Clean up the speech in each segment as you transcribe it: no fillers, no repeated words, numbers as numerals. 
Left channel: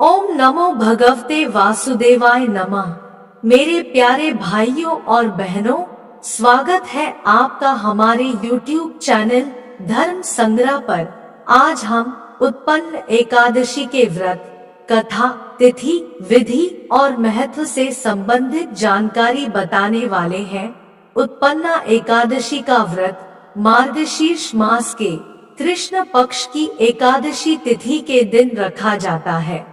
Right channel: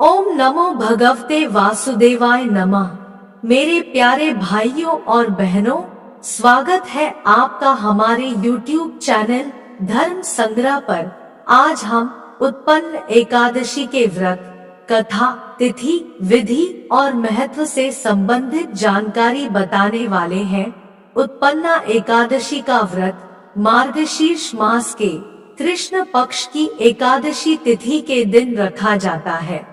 ओम नमो भगवते वासुदेवाय नमः। मेरे प्यारे भाइयों और बहनों, स्वागत है आपका हमारे YouTube चैनल धर्म संग्रह पर। आज हम उत्पन्न एकादशी के व्रत, कथा, तिथि, विधि और महत्व से संबंधित जानकारी बताने वाले हैं। उत्पन्ना एकादशी का व्रत मार्गशीर्ष मास के कृष्ण पक्ष की एकादशी तिथि के दिन रखा जाता है,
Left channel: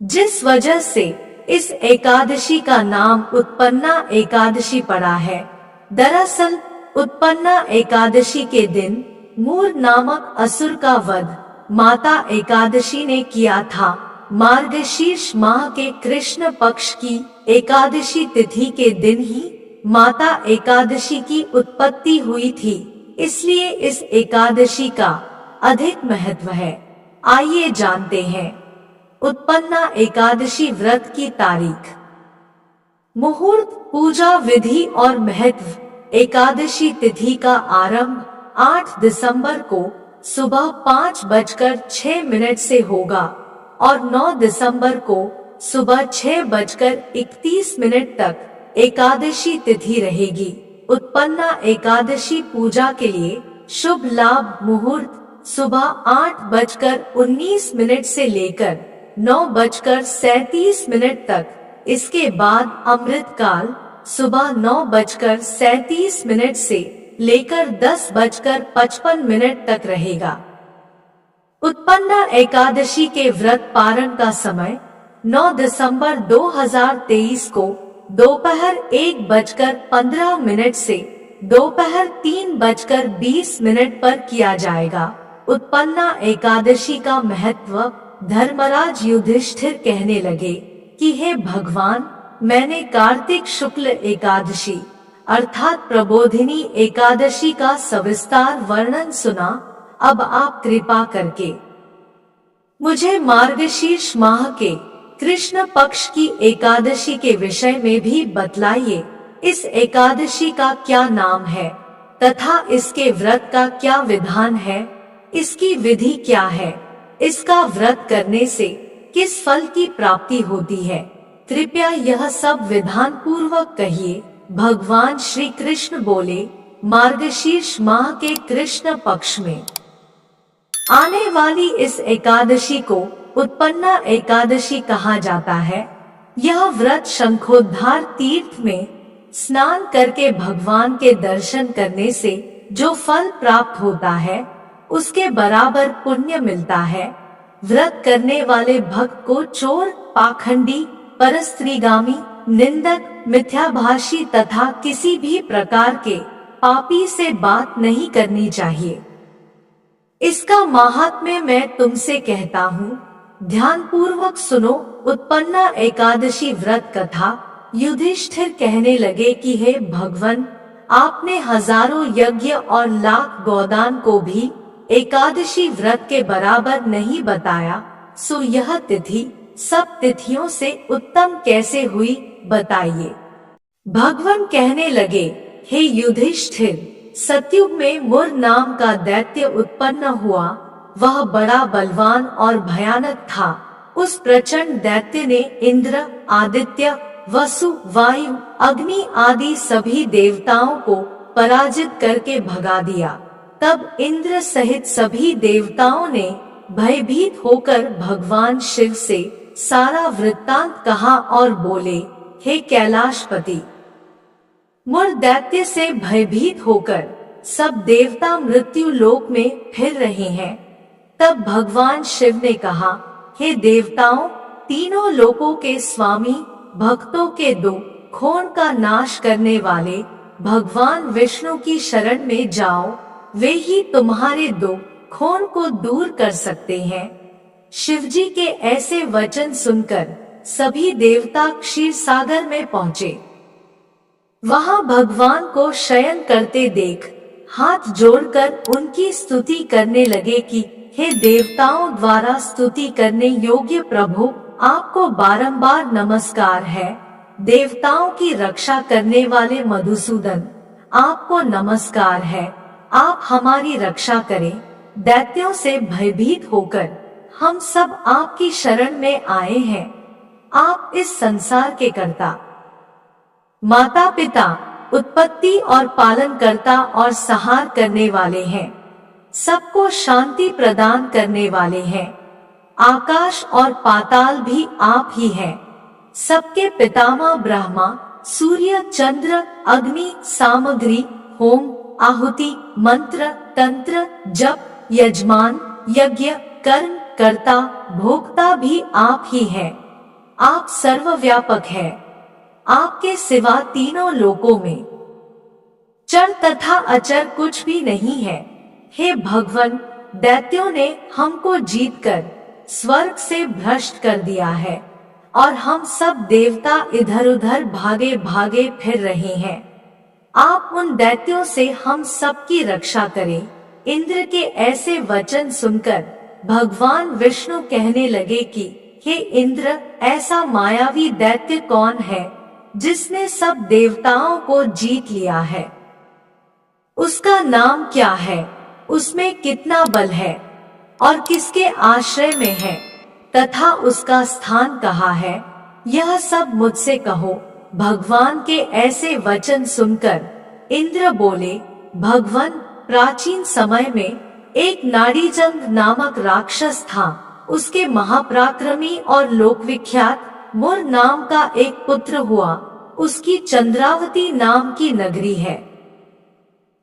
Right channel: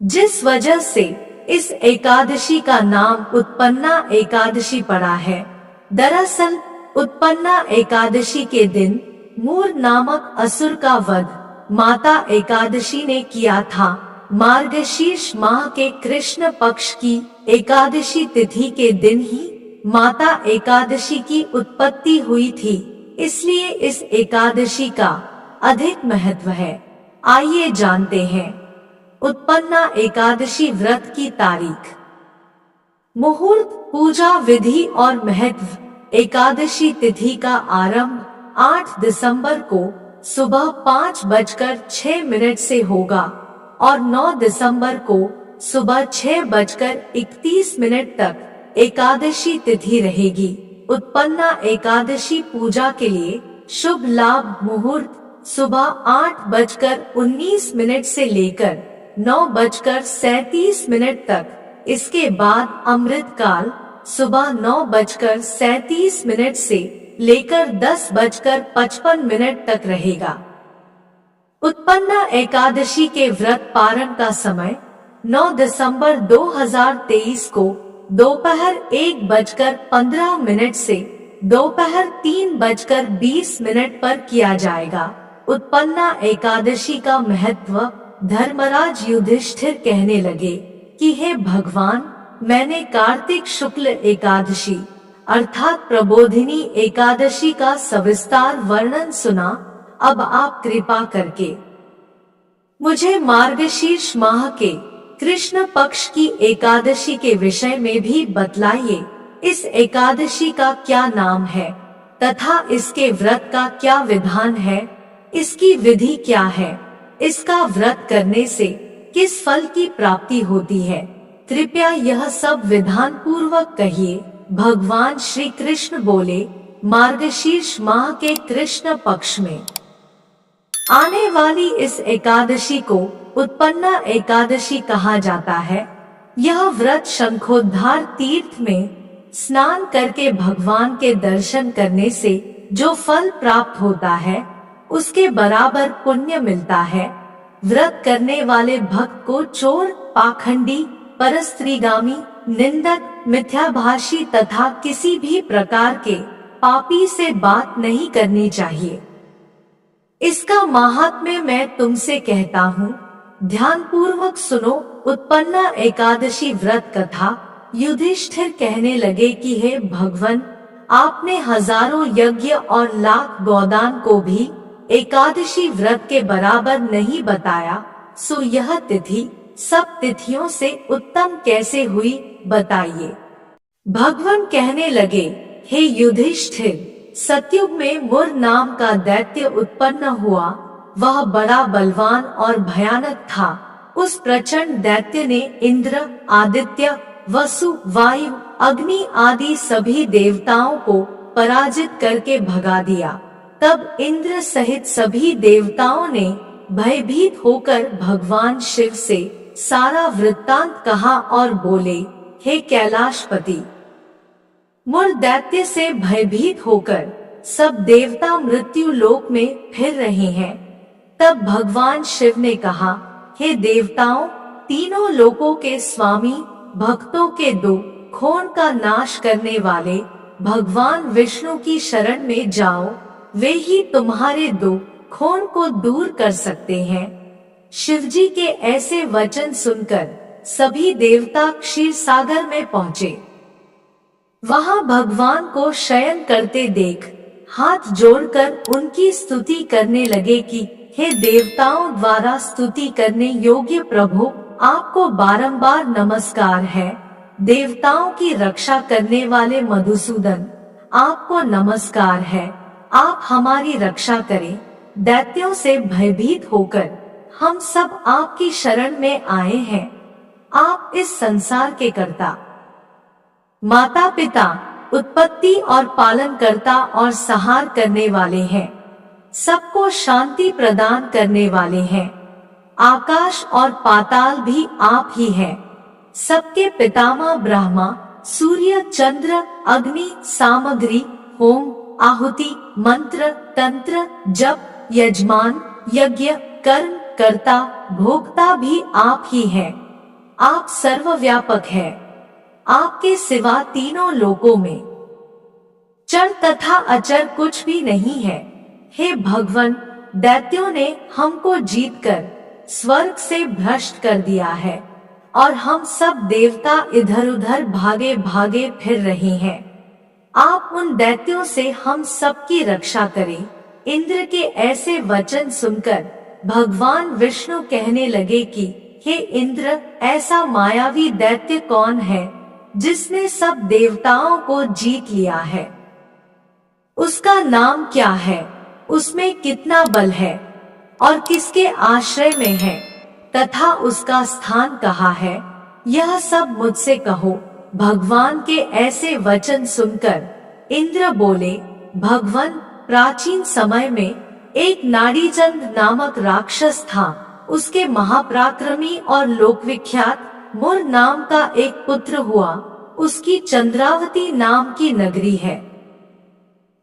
जिस वजह से इस एकादशी का नाम उत्पन्ना एकादशी पड़ा है। दरअसल उत्पन्ना एकादशी के दिन मूर नामक असुर का वध माता एकादशी ने किया था। मार्गशीर्ष माह के कृष्ण पक्ष की एकादशी तिथि के दिन ही माता एकादशी की उत्पत्ति हुई थी, इसलिए इस एकादशी का अधिक महत्व है। आइए जानते हैं उत्पन्ना एकादशी व्रत की तारीख, मुहूर्त, पूजा विधि और महत्व। एकादशी तिथि का आरंभ 8 दिसंबर को सुबह 5:06 से होगा और 9 दिसंबर को सुबह 6:31 तक एकादशी तिथि रहेगी। उत्पन्ना एकादशी पूजा के लिए शुभ लाभ मुहूर्त सुबह 8:19 से लेकर 9:37 तक। इसके बाद अमृत काल सुबह 9:37 से लेकर 10:55 तक रहेगा। उत्पन्ना एकादशी के व्रत पारण का समय 9 दिसंबर 2023 को दोपहर 1:15 से दोपहर 3:20 पर किया जाएगा। उत्पन्ना एकादशी का महत्व। धर्मराज युधिष्ठिर कहने लगे कि हे भगवान, मैंने कार्तिक शुक्ल एकादशी अर्थात प्रबोधिनी एकादशी का सविस्तार वर्णन सुना। अब आप कृपा करके मुझे मार्गशीर्ष माह के कृष्ण पक्ष की एकादशी के विषय में भी बतलाइए। इस एकादशी का क्या नाम है तथा इसके व्रत का क्या विधान है, इसकी विधि क्या है, इसका व्रत करने से किस फल की प्राप्ति होती है। कृपया यह सब विधान पूर्वक कहिए। भगवान श्री कृष्ण बोले, मार्गशीर्ष माह के कृष्ण पक्ष में आने वाली इस एकादशी को उत्पन्ना एकादशी कहा जाता है। यह व्रत शंखोद्धार तीर्थ में स्नान करके भगवान के दर्शन करने से जो फल प्राप्त होता है, उसके बराबर पुण्य मिलता है। व्रत करने वाले भक्त को चोर, पाखंडी, परस्त्रीगामी, निंदक, मिथ्याभाषी तथा किसी भी प्रकार के पापी से बात नहीं करनी चाहिए। इसका महात्म्य मैं तुमसे कहता हूँ, ध्यान पूर्वक सुनो। उत्पन्ना एकादशी व्रत कथा। युधिष्ठिर कहने लगे कि हे भगवान, आपने हजारों यज्ञ और लाख गोदान को भी एकादशी व्रत के बराबर नहीं बताया, सो यह तिथि सब तिथियों से उत्तम कैसे हुई, बताइए। भगवान कहने लगे, हे युधिष्ठिर, सतयुग में मुर नाम का दैत्य उत्पन्न हुआ। वह बड़ा बलवान और भयानक था। उस प्रचंड दैत्य ने इंद्र, आदित्य, वसु, वायु, अग्नि आदि सभी देवताओं को पराजित करके भगा दिया। तब इंद्र सहित सभी देवताओं ने भयभीत होकर भगवान शिव से सारा वृत्तांत कहा और बोले, हे कैलाशपति, मुर दैत्य से भयभीत होकर सब देवता मृत्यु लोक में फिर रहे हैं। तब भगवान शिव ने कहा, हे देवताओं, तीनों लोकों के स्वामी, भक्तों के दुख खोन का नाश करने वाले भगवान विष्णु की शरण में जाओ। वे ही तुम्हारे दुख खोन को दूर कर सकते हैं। शिवजी के ऐसे वचन सुनकर सभी देवता क्षीर सागर में पहुँचे। वहां भगवान को शयन करते देख हाथ जोड़कर उनकी स्तुति करने लगे कि हे देवताओं द्वारा स्तुति करने योग्य प्रभु, आपको बारंबार नमस्कार है। देवताओं की रक्षा करने वाले मधुसूदन, आपको नमस्कार है। आप हमारी रक्षा करें। दैत्यों से भयभीत होकर हम सब आपकी शरण में आए हैं। आप इस संसार के कर्ता, माता पिता, उत्पत्ति और पालन करता और संहार करने वाले हैं। सबको शांति प्रदान करने वाले हैं। आकाश और पाताल भी आप ही हैं। सबके पितामह ब्रह्मा, सूर्य, चंद्र, अग्नि, सामग्री, होम, आहुति, मंत्र, तंत्र, जप, यजमान, यज्ञ, कर्म, कर्ता, भोक्ता भी आप ही हैं। आप सर्वव्यापक हैं। आपके सिवा तीनों लोकों में चर तथा अचर कुछ भी नहीं है। हे भगवान, दैत्यों ने हमको जीतकर स्वर्ग से भ्रष्ट कर दिया है और हम सब देवता इधर उधर भागे भागे फिर रहे हैं। आप उन दैत्यों से हम सबकी रक्षा करें। इंद्र के ऐसे वचन सुनकर भगवान विष्णु कहने लगे कि हे इंद्र, ऐसा मायावी दैत्य कौन है जिसने सब देवताओं को जीत लिया है? उसका नाम क्या है? उसमें कितना बल है और किसके आश्रय में है तथा उसका स्थान कहाँ है? यह सब मुझसे कहो। भगवान के ऐसे वचन सुनकर इंद्र बोले, भगवान, प्राचीन समय में एक नाड़ीचंद नामक राक्षस था। उसके महापराक्रमी और लोकविख्यात मुर नाम का एक पुत्र हुआ। उसकी चंद्रावती नाम की नगरी है।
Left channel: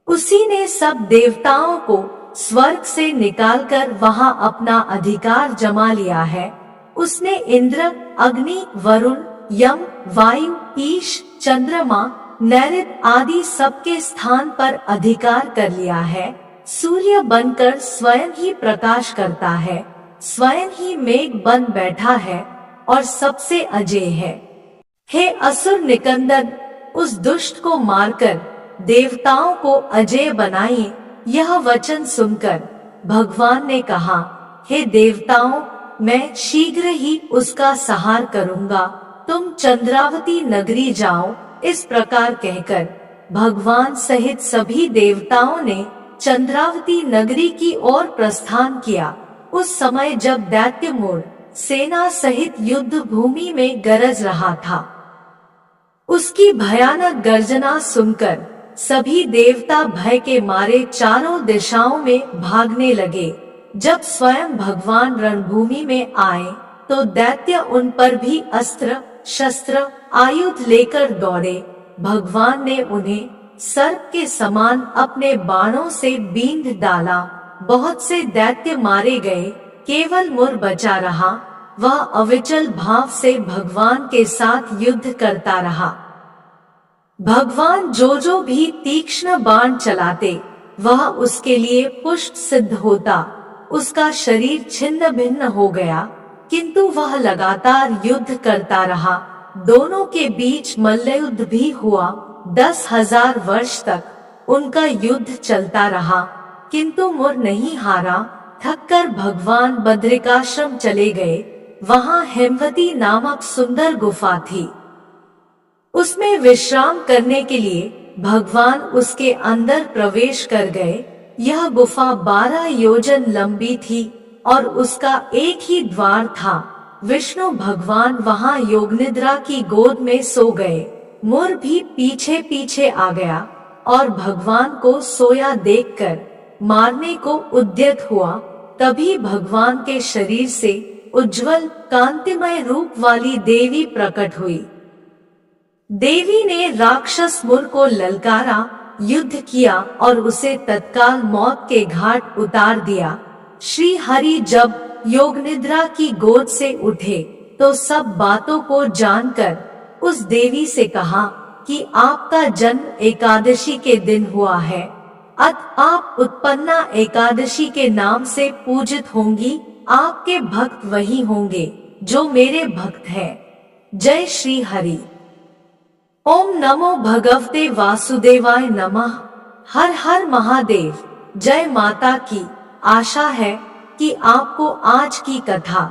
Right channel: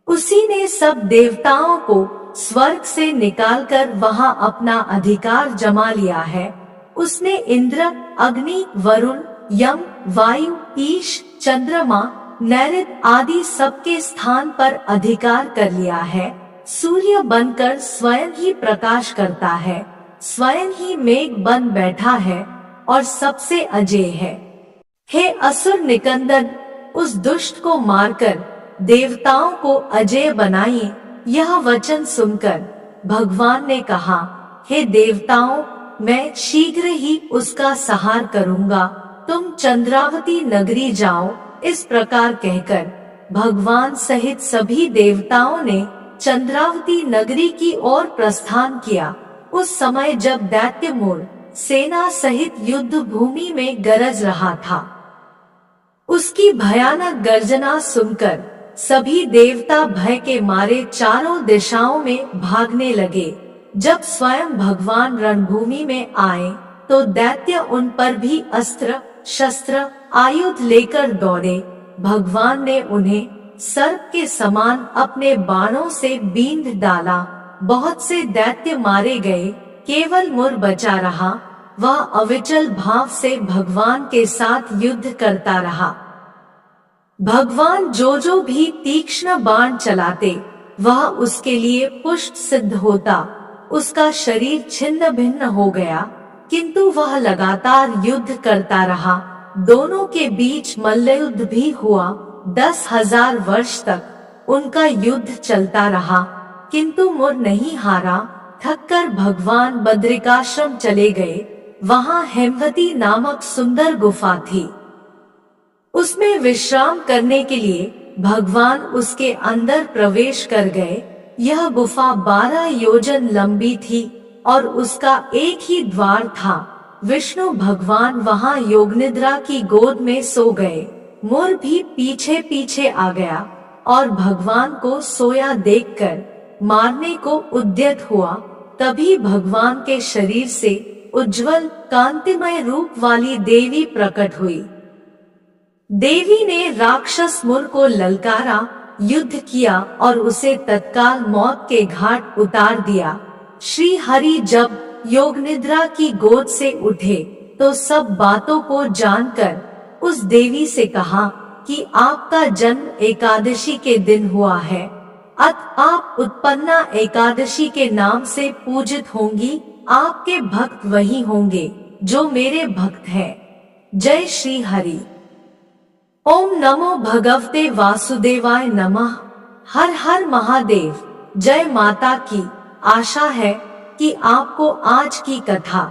उसी ने सब देवताओं को स्वर्ग से निकालकर वहां अपना अधिकार जमा लिया है। उसने इंद्र, अग्नि, वरुण, यम, वायु, ईश, चंद्रमा, नैऋत आदि सबके स्थान पर अधिकार कर लिया है। सूर्य बनकर स्वयं ही प्रकाश करता है, स्वयं ही मेघ बन बैठा है और सबसे अजेय है। हे असुर निकंदन, उस दुष्ट को मारकर देवताओं को अजेय बनाइए। यह वचन सुनकर भगवान ने कहा, हे देवताओं, मैं शीघ्र ही उसका संहार करूंगा। तुम चंद्रावती नगरी जाओ। इस प्रकार कहकर भगवान सहित सभी देवताओं ने चंद्रावती नगरी की ओर प्रस्थान किया। उस समय जब दैत्य मोर सेना सहित युद्ध भूमि में गरज रहा था, उसकी भयानक गर्जना सुनकर सभी देवता भय के मारे चारों दिशाओं में भागने लगे। जब स्वयं भगवान रणभूमि में आए तो दैत्य उन पर भी अस्त्र शस्त्र आयुध लेकर दौड़े। भगवान ने उन्हें सर्प के समान अपने बाणों से बींध डाला। बहुत से दैत्य मारे गए, केवल मुर बचा रहा। वह अविचल भाव से भगवान के साथ युद्ध करता रहा। भगवान जो भी तीक्ष्ण बाण चलाते वह उसके लिए पुष्ट सिद्ध होता। उसका शरीर छिन्न भिन्न हो गया, किंतु वह लगातार युद्ध करता रहा। दोनों के बीच मल्लयुद्ध भी हुआ। 10,000 वर्ष तक उनका युद्ध चलता रहा, किंतु मुर नहीं हारा। थककर भगवान बद्रिकाश्रम चले गए। वहां हेमवती नामक सुंदर गुफा थी। उसमें विश्राम करने के लिए भगवान उसके अंदर प्रवेश कर गए। यह गुफा 12 योजन लंबी थी और उसका एक ही द्वार था। विष्णु भगवान वहां योगनिद्रा की गोद में सो गए। मुर भी पीछे पीछे आ गया और भगवान को सोया देखकर मारने को उद्यत हुआ। तभी भगवान के शरीर से उज्जवल कांतिमय रूप वाली देवी प्रकट हुई। देवी ने राक्षस मुर को ललकारा, युद्ध किया और उसे तत्काल मौत के घाट उतार दिया। श्री हरि जब योग निद्रा की गोद से उठे तो सब बातों को जानकर उस देवी से कहा कि आपका जन्म एकादशी के दिन हुआ है, अतः आप उत्पन्ना एकादशी के नाम से पूजित होंगी। आपके भक्त वही होंगे जो मेरे भक्त हैं। जय श्री हरि। ओम नमो भगवते वासुदेवाय नमः। हर हर महादेव। जय माता की। आशा है कि आपको आज की कथा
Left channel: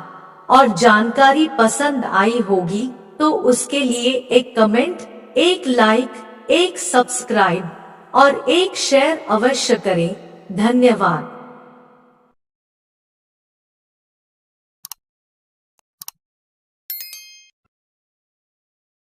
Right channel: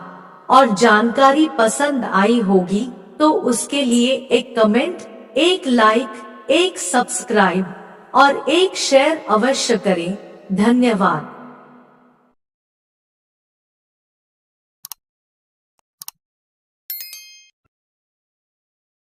और जानकारी पसंद आई होगी, तो उसके लिए एक कमेंट, एक लाइक, एक सब्सक्राइब और एक शेयर अवश्य करें। धन्यवाद।